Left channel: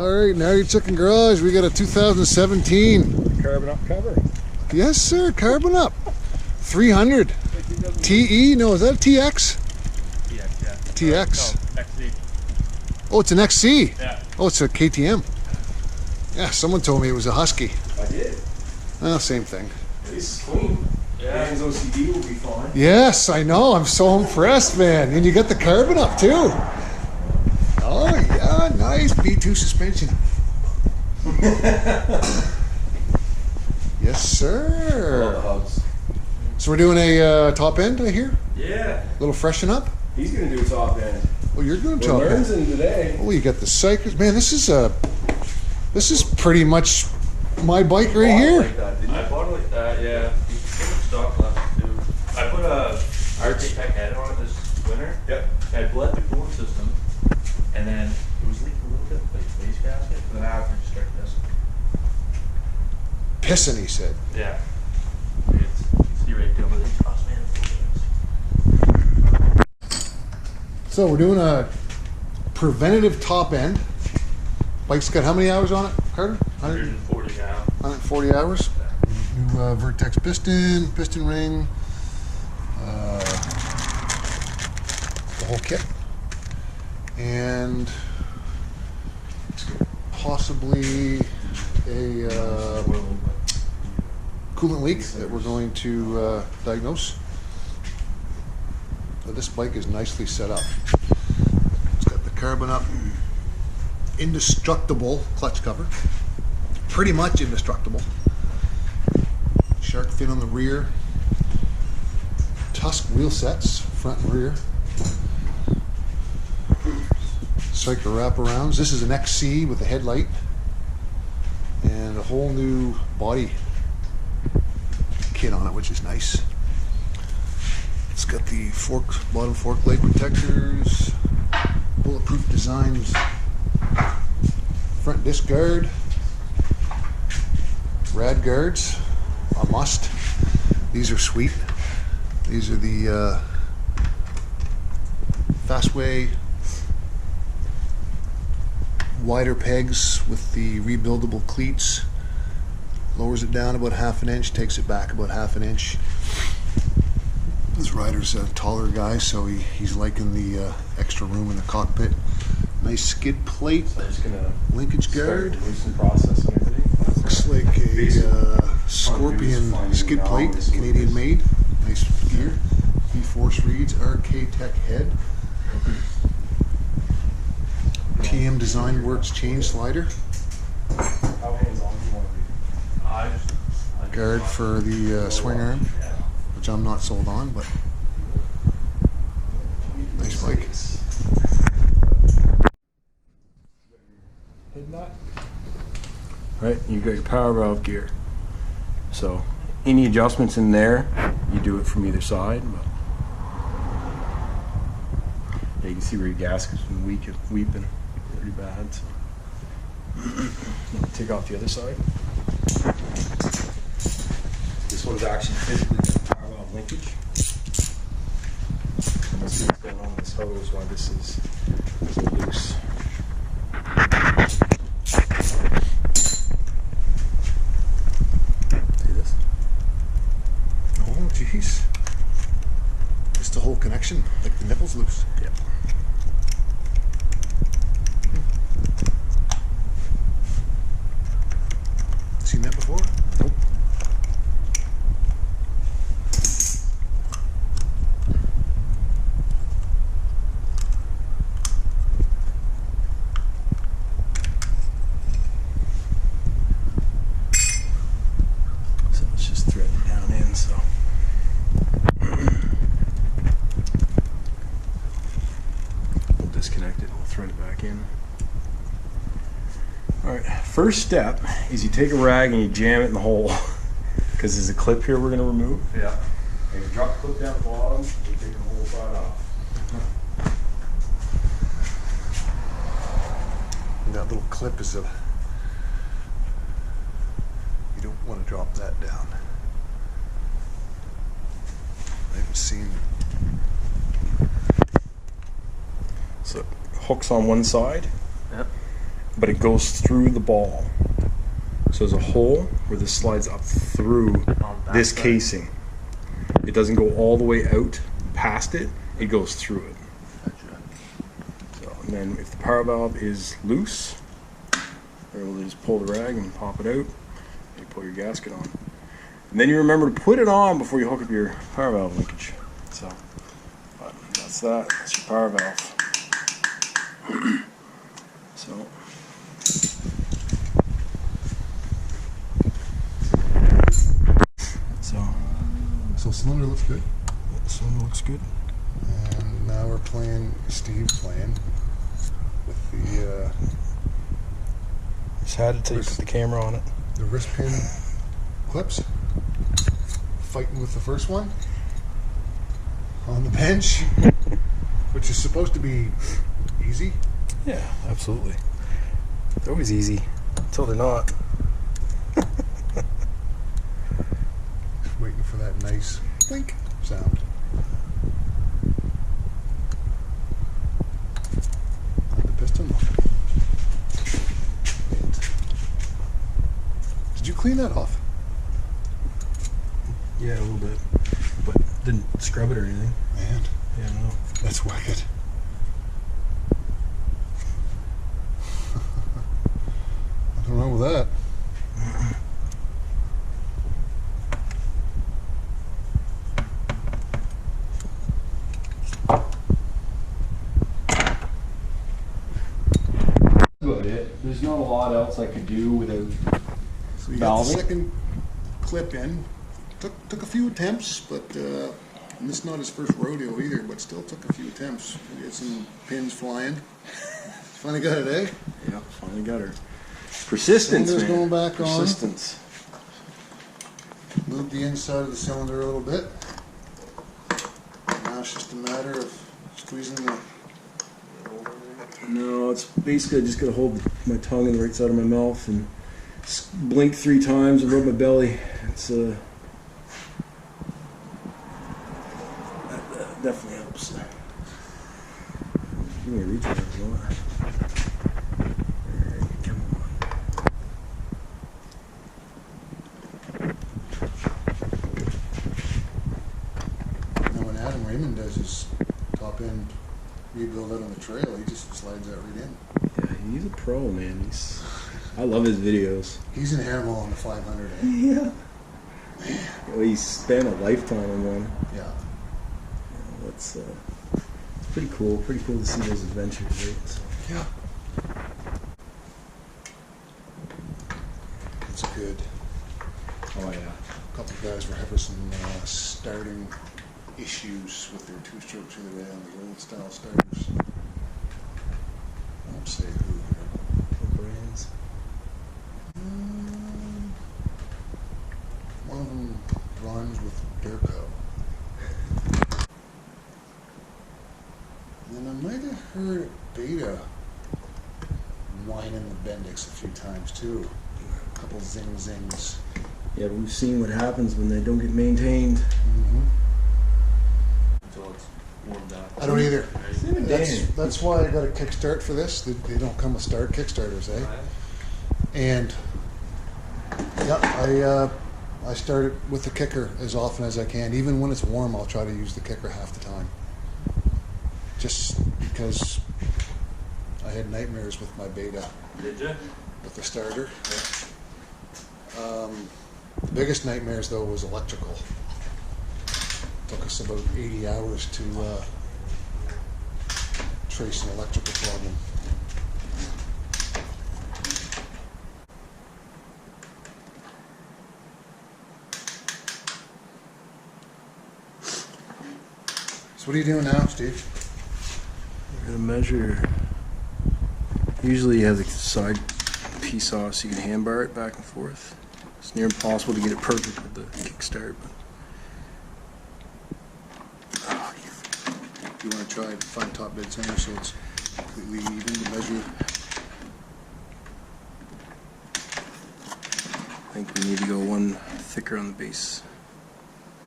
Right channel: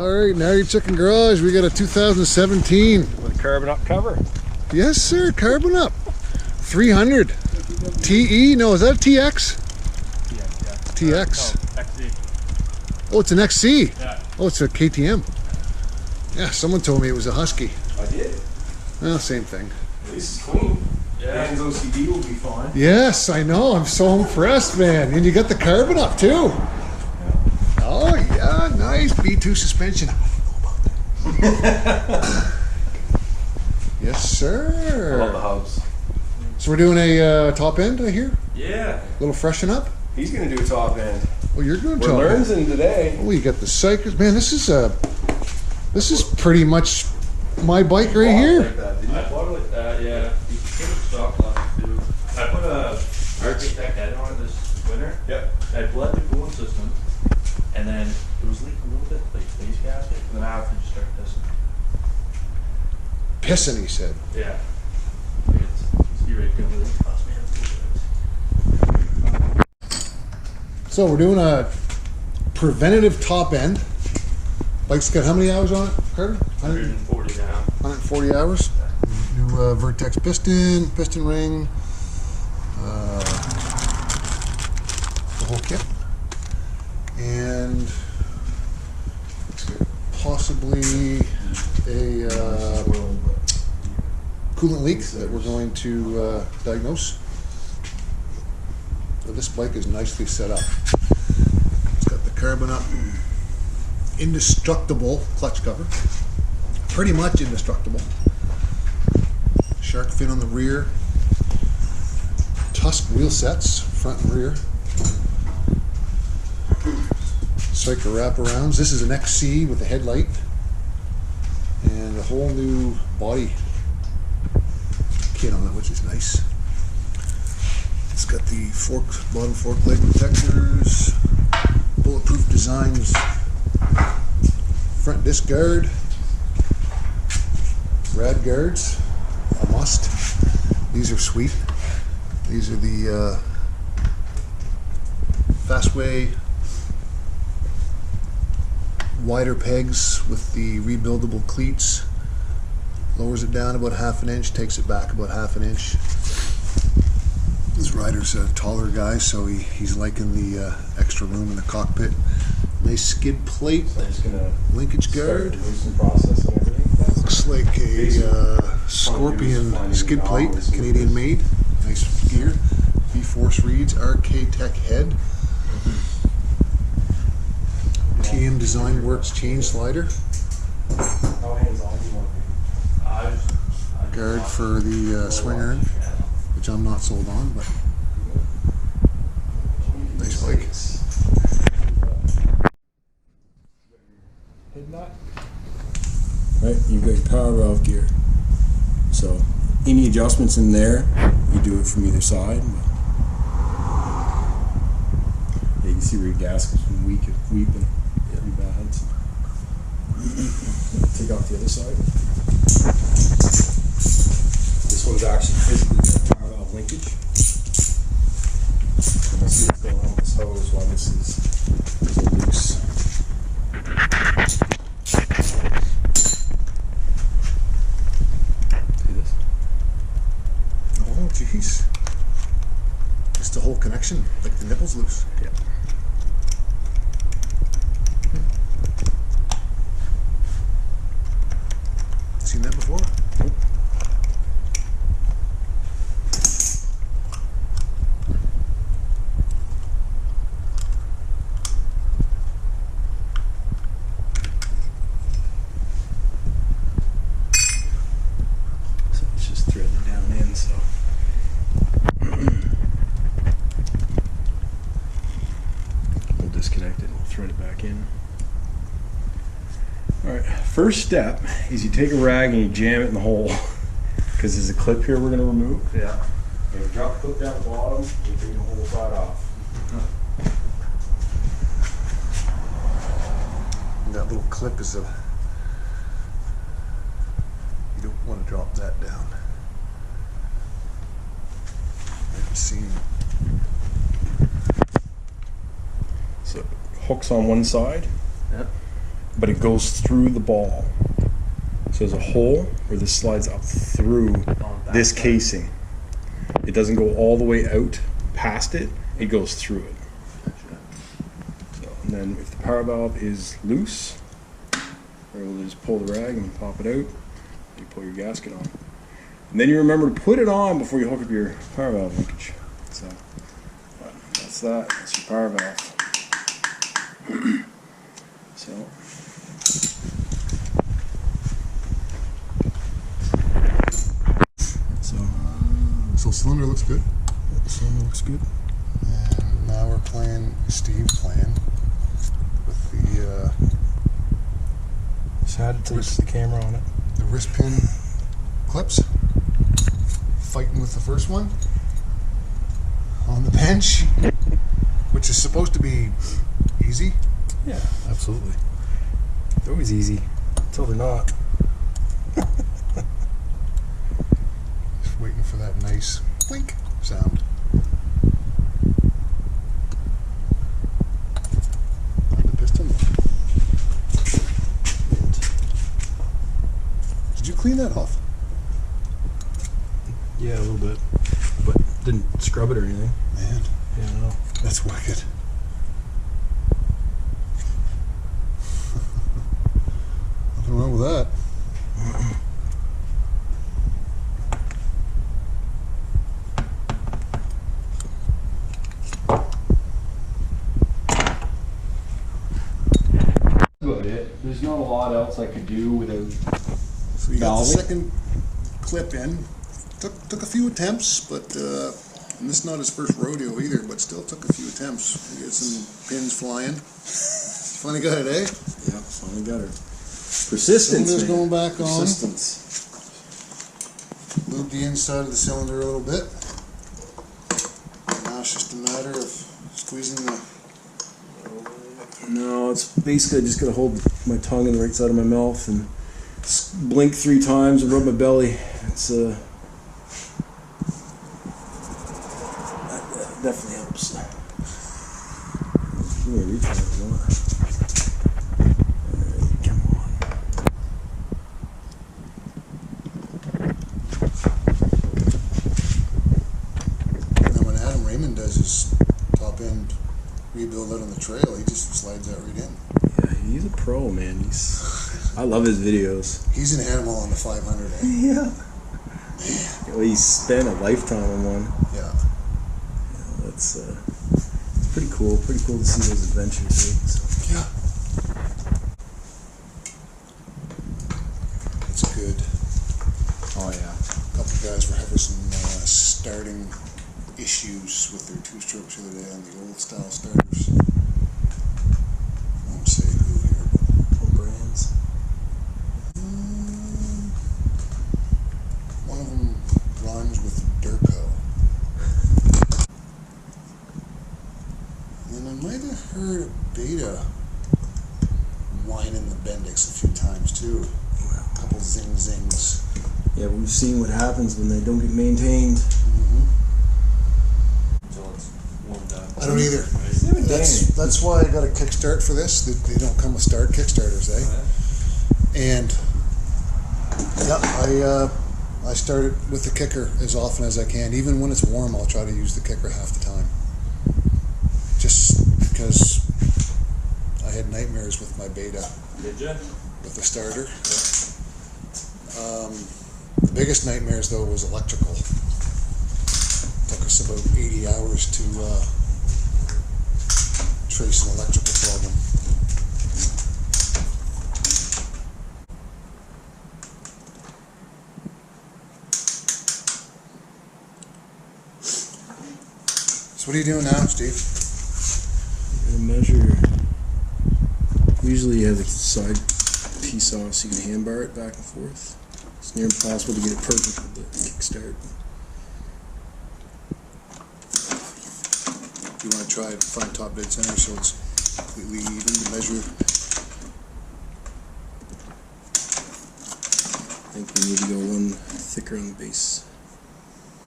Alright, GnarlyChicken Garage, we got a 2017. With carbon up cover. Yes sir, carbon up. 300. TE? No, is that a TX? TX, yeah. TX. No, XC. Oh, it's an XC. Yeah. Oh, it's a KTM. Yeah, someone told me it was a Husky. I did. Well, same thing. At least it's clean. Yeah. Dan's OCD will be fine. Yes, I know. I'm so impressed, man. And you got the carbon up too. Oh yeah, nice. B2 suspension. I don't know about that. Yes, sir. Love the hubs. So we're doing a top end, I hear? Yeah. A little freshen up? He's gonna do a top end. Oh, you're doing We're top end. learning today. Oh, you got the Psychers. Man, this is pretty much my bike right here. Like that, didn't you? I bought it like that, yeah. You can put stock left too. I put a Architect head on it this winter. Yep. I bled the coolant system, and then it was leaking a little bit like waste gasket, and then after it just started pissing. Pissing, he said. Yeah. You can see right over there. Oh man, it's So we're doing a preventative top end. Bike's got how many hours on it, Carter? 140 now. 140 hours. New Vertex piston ring, the whole kit, and possibly a coolant leak that we're going to diagnose. So this bike is nicely set up. It's got the carbon up, indestructible clutch cover, pretty much indestructible. Shark fin on the rear, Tusk wheel sets, front and rear. Cycle wraparounds. This is an XC with a headlight and a whole new body kit on it, which is nice. It's got the bottom fork leg protectors, bulletproof designs, front disc guard, rad guards, a must. These are sweet. These are the Fastway wider pegs with the rebuildable cleats. Lowers it down about ½ an inch, takes it back about ½ an inch. This rider's a taller guy, so he's liking the extra room in the cockpit. Nice skid plate, So I'm just gonna linkage guard. start the loosen process and everything. Looks like a Scorpion skid plate, Canadian made. Nice gear. V-Force reads, RK Tech head. TM Design Works chain slider. How hands-on do you want to be? Guard for the swing arm, which I'm not sold on, but nice bike. Head nut. Right, you got your power valve gear. So any adjustments in there, you do it from either side. But yeah, you can see where your gasket's been weeping pretty bad. So. Take off the other side. This one's actually physically got power valve linkage. And we'll see what's going on with this hose while this is so loose. See this? Oh, jeez. Just the whole connection, like the nipple's loose. Yeah. Seen that before? Nope. So let's just thread it down in. So we'll disconnect it and we'll thread it back in. All right, first step is you take a rag and you jam it in the hole because there's a clip here we're going to remove. Yeah. And you drop the clip down the bottom, you take the whole side off. And that little clip is you don't want to drop that down. I haven't seen. So hooks on one side. Yep. but it goes through the ball. So there's a hole where this slides up through On that this side. casing. It doesn't go all the way out past it, it goes through it. Gotcha. So, and then if the power valve is loose, you're able to just pull the rag and pop it out, and you pull your gasket on. And then you remember to put it on before you hook up your power valve linkage. So, but that's that. That's your power valve. So, So cylinder looks good. cylinder looks good. And now we're playing, Steve's playing with the Just had it till you put the camera on it. wrist pin clips. Fighting with the first one on the bench, which is supposed to be easy. Yeah, absolutely. It's always easy until they're not. Just waiting for that nice blink sound. How'd the piston look? Did you clean that off? Yeah, a little bit, but didn't scrub it or anything. Man, Yeah, no. that's wicked. Nothing wrong with that. About it. There's not a lot else I could do without. So you got the Valving. second clip in. Took a few attempts, but and this is not his first rodeo either, but still took a few attempts. We had some pins flying. Finally got it, eh? Yeah, finally got her. Persistence. Cylinder's man. going back on. Persistence. Lube the inside of the cylinder a little bit. Now it's just a matter of squeezing the. No, it's basically I just gotta hold my tongue on the right side of my mouth and blink 3 times and rub my belly. It's that definitely helps. Give me a reach on it if you want. Alright, come on. Now when Adam Raymond does his top end rebuild out on the trail, he just slides that right in. Yeah, he's a pro, man. I love his videos. He's an animal on the 500, eh? Yeah. Well, he spent a lifetime on one. Yeah. You know, that's it's pretty cool. Pretty cool to see those adventures, right? So. Yeah. That's good. Oh yeah. A couple of guys were having some starting issues with their two-strokes the other day on the old style starters. I won't say who here, but What brands? one of them rhymes with Durco. And I might have heard a Beta whining the Bendix a few times too. A couple zings. Yeah, but we've seen what happens when they don't get maintained. Mm-hmm. Until it's warmed up. I don't either. Right? That's why I got a kickstart for this. They don't come with start kickstarters, eh? And yeah, I start it with the kicker as often as I can. Even when it's warm, I'll try to use the kicker half the time. Just because I had nightmares with my Beta Did you? with the starter. The biggest nightmares though was electrical. Took us about 80 hours to trace an electrical problem. So what are you doing now, Steve? You're gonna measure. Usually you have the side piece off so you can hand bar it back and forth. It's near impossible to get it perfect with the kickstart, but You want to try and find top dead center so it's completely even to measure. I think we need to go one thicker on the base.